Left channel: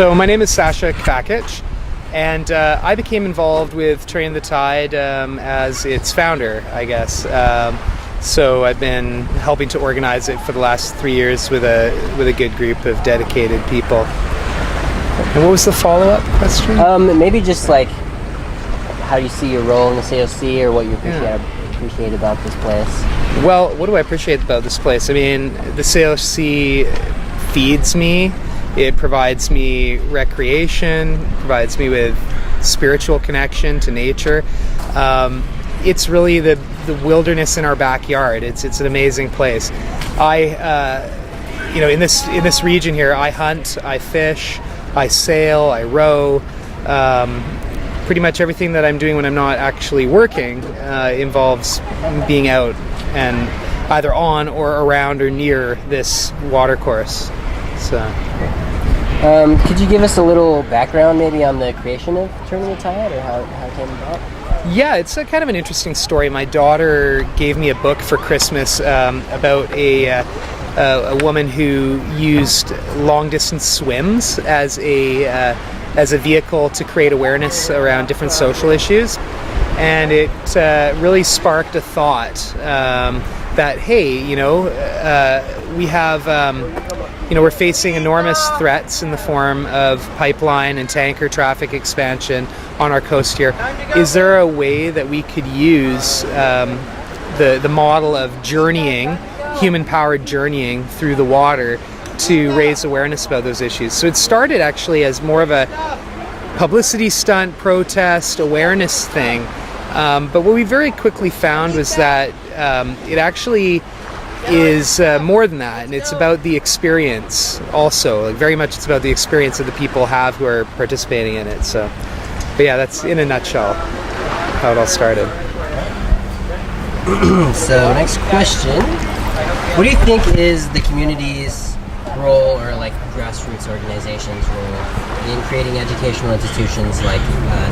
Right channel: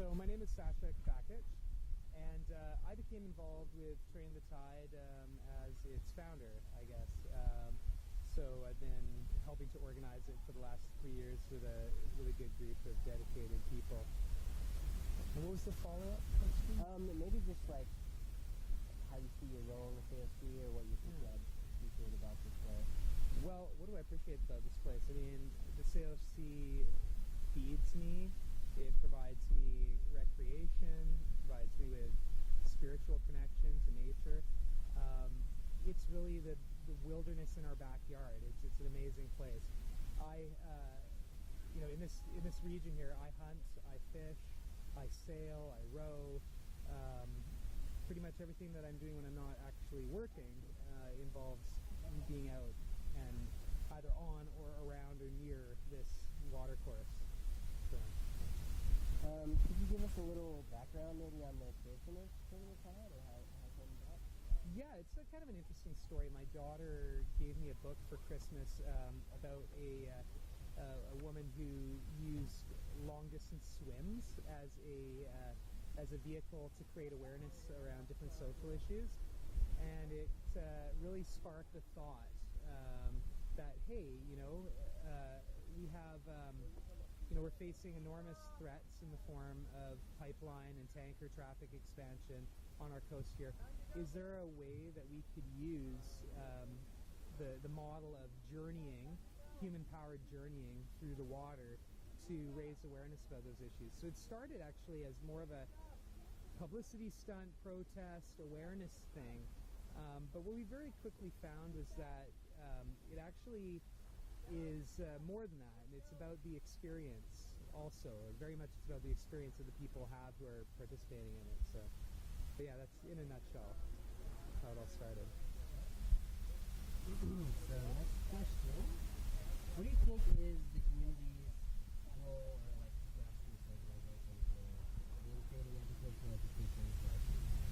So my name is Sasha, and I became involved with Turning the Tide as its founder, I guess. So I've been helping to organize it for the last 3 years with a good group of dedicated people. And what was the follow-up question? Maybe just like how you see your role in the COC, or what you appreciate about this place. Well, what do I appreciate about this place? I mean, the COC feeds me. It provides me recreation, provides me with spiritual connection to nature. It's really the wilderness in our backyard. It's an amazing place. In this region here, I hunt, I fish, I sail, I row. Pretty much everything that I'm doing when I'm not actually working involves being out and either on or around or near this watercourse. So. Could you give us a little background maybe on the creation of Turning the Tide, or how it came about? Yeah, it's a kind of an interesting story. My daughter gave me a book for Christmas about a woman who used long-distance swims as a vehicle to create awareness around different social issues. And it really sparked a thought that, hey, we have... we're facing enormous threats in the form of pipeline and tanker traffic expansion on our coast here. Is there a way that we could use the model of journeying, human-powered journeying through the water to raise awareness about those issues? So it started actually as more of a publicity stunt, protest, awareness thing. But what we very quickly found was that it actually is more than that, and it's about the experience also. Like, very much it's about the experience that the people have who are participating in it. So, but yeah, that's in a nutshell how it all started. So next question, what do you think is the community's role, or like grassroots organizations' role, in creating educational institutions like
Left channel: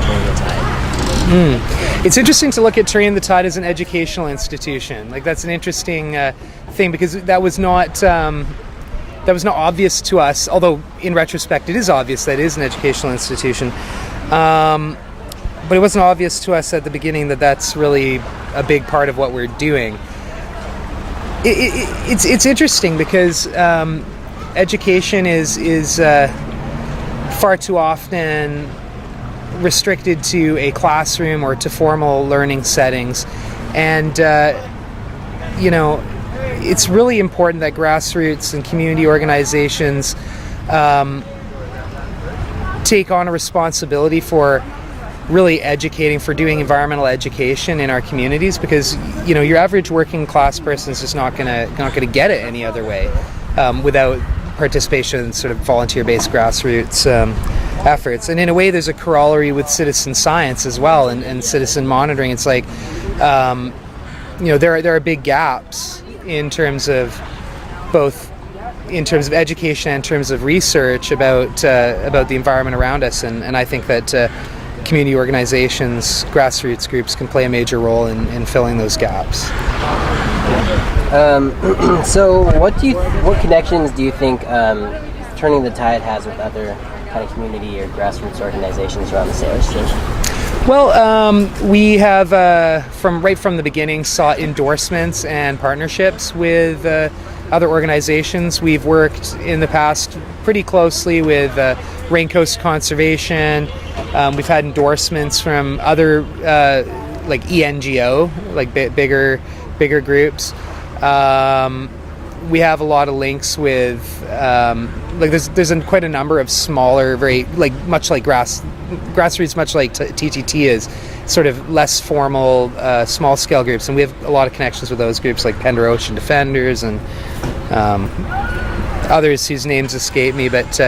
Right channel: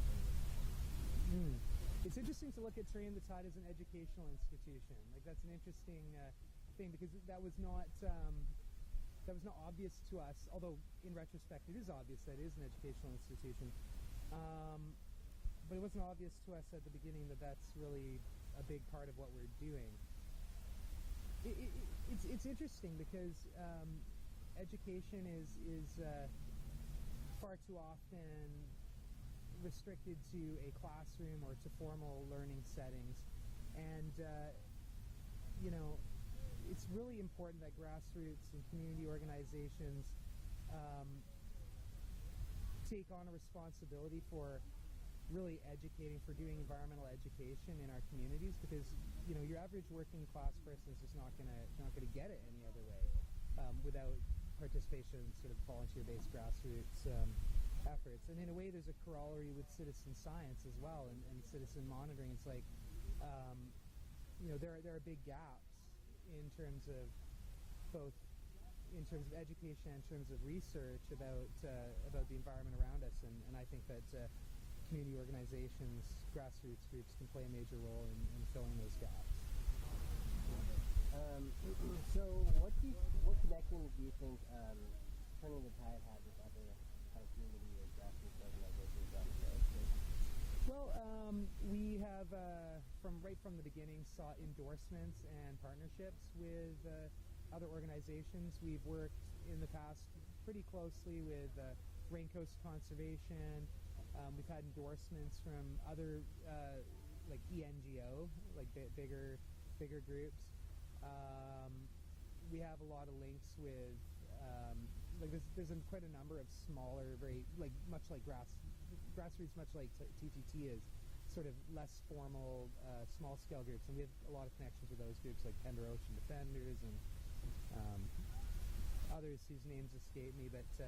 Turning the Tide? It's interesting to look at Turning the Tide as an educational institution. Like, that's an interesting thing, because that was not obvious to us. Although in retrospect, it is obvious that it is an educational institution. But it wasn't obvious to us at the beginning that that's really a big part of what we're doing. It's interesting because education is far too often restricted to a classroom or to formal learning settings, and it's really important that grassroots and community organizations take on a responsibility for really educating, for doing environmental education in our communities, because your average working class person is just not gonna get it any other way without participation in sort of volunteer-based grassroots efforts. And in a way, there's a corollary with citizen science as well, and citizen monitoring. It's like there are big gaps in terms of both in terms of education and in terms of research about the environment around us, and I think that community organizations, grassroots groups can play a major role in filling those gaps. So what connections do you think Turning the Tide has with other kind of community or grassroots organizations around the Salish Station? Well, we have from the beginning sought endorsements and partnerships with other organizations. We've worked in the past pretty closely with Raincoast Conservation. We've had endorsements from other like ENGO, like bigger groups. We have a lot of links with there's quite a number of smaller, very much like grassroots, much like TTT is, sort of less formal, small scale groups, and we have a lot of connections with those groups like Pender Ocean Defenders and others whose names escape me. But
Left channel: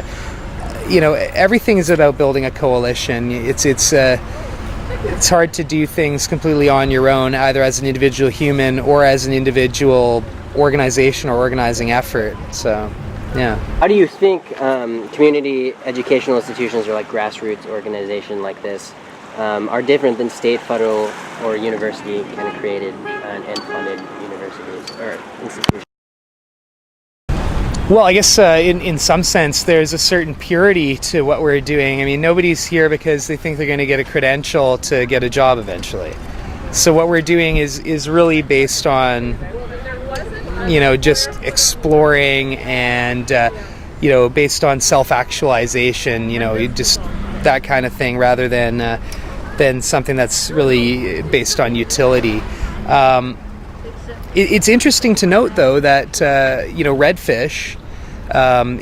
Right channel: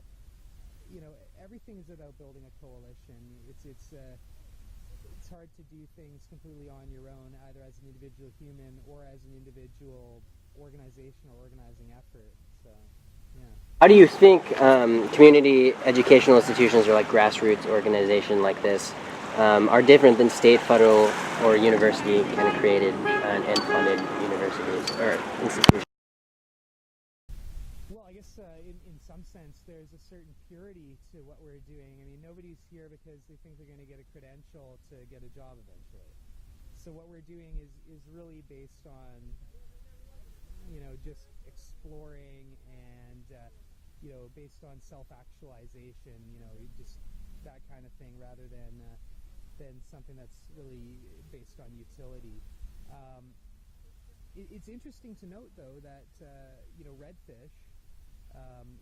everything is about building a coalition. It's hard to do things completely on your own, either as an individual human or as an individual organization or organizing effort. So, yeah. How do you think community educational institutions, or like grassroots organization like this, are different than state, federal, or university kind of created and funded universities or institutions? Well, I guess in some sense there's a certain purity to what we're doing. I mean, nobody's here because they think they're going to get a credential to get a job eventually. So what we're doing is really based on, just exploring and, based on self-actualization, just that kind of thing, rather than something that's really based on utility. It's interesting to note, though, that redfish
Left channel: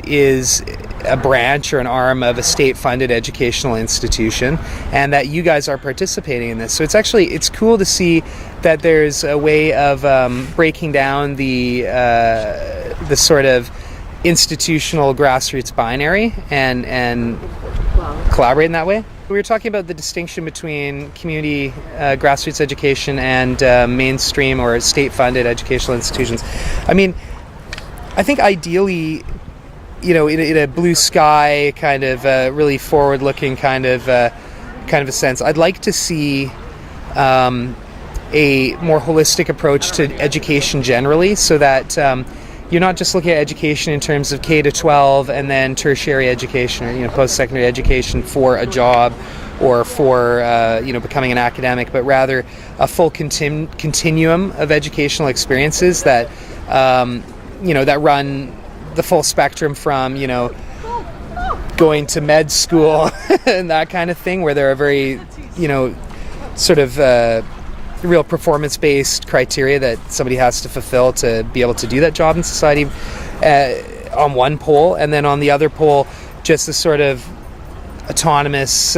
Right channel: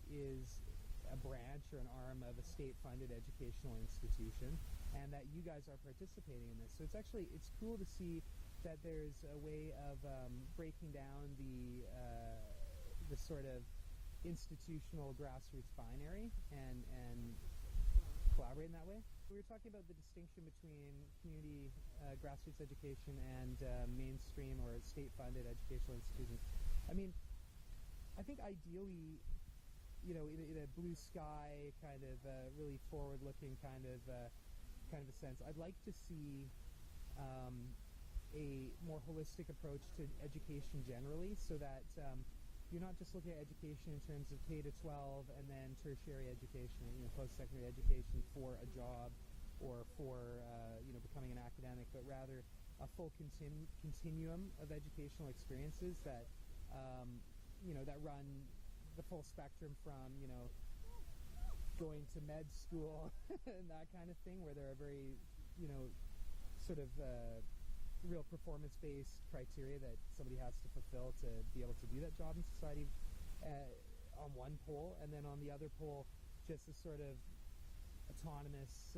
is a branch or an arm of a state-funded educational institution, and that you guys are participating in this. So it's cool to see that there's a way of breaking down the sort of institutional grassroots binary and collaborate in that way. We were talking about the distinction between community grassroots education and mainstream or state-funded educational institutions. I mean, I think ideally, in a blue sky kind of really forward-looking kind of a sense, I'd like to see a more holistic approach to education generally, so that you're not just looking at education in terms of K to 12 and then tertiary education or post-secondary education for a job or for becoming an academic, but rather a full continuum of educational experiences that that run the full spectrum from going to med school and that kind of thing, where there are very sort of real performance-based criteria that somebody has to fulfill to be able to do that job in society on one pole, and then on the other pole just the sort of autonomous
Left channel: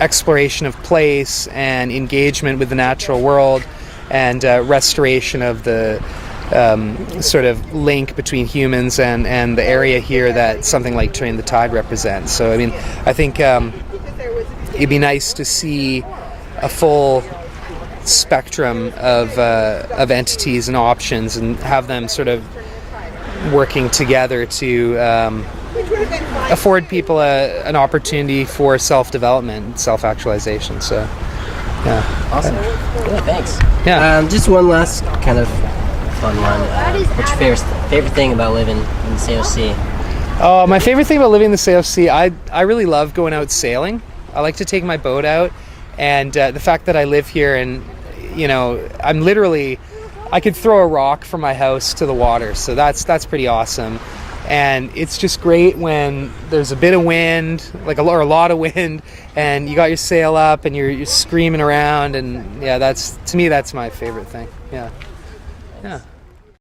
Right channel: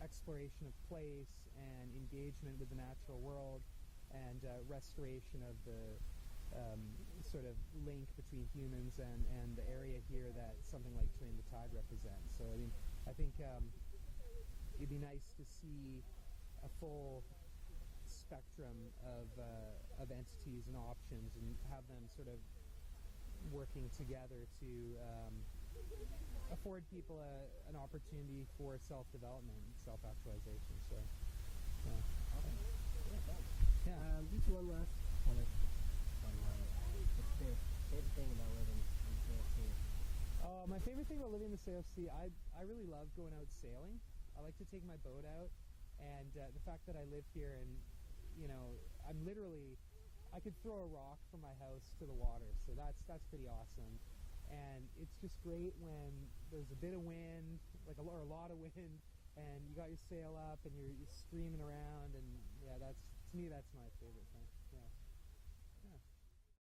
exploration of place and engagement with the natural world and restoration of the sort of link between humans and the area here that something like Turning the Tide represents. So I mean, I think it'd be nice to see a full spectrum of entities and options, and have them sort of working together to afford people an opportunity for self-development, self-actualization. So, yeah. Awesome. Yeah, thanks. Yeah. Just one last kind of fun one. What's your favorite thing about living in the COC? Oh, my favorite thing about living in the COC, I really love going out sailing. I like to take my boat out, and the fact that I live here, and I'm literally, I could throw a rock from my house to the water, so that's pretty awesome. And it's just great when there's a bit of wind, or a lot of wind, and you got your sail up and you're screaming around, and yeah, to me that's my favorite thing. Yeah.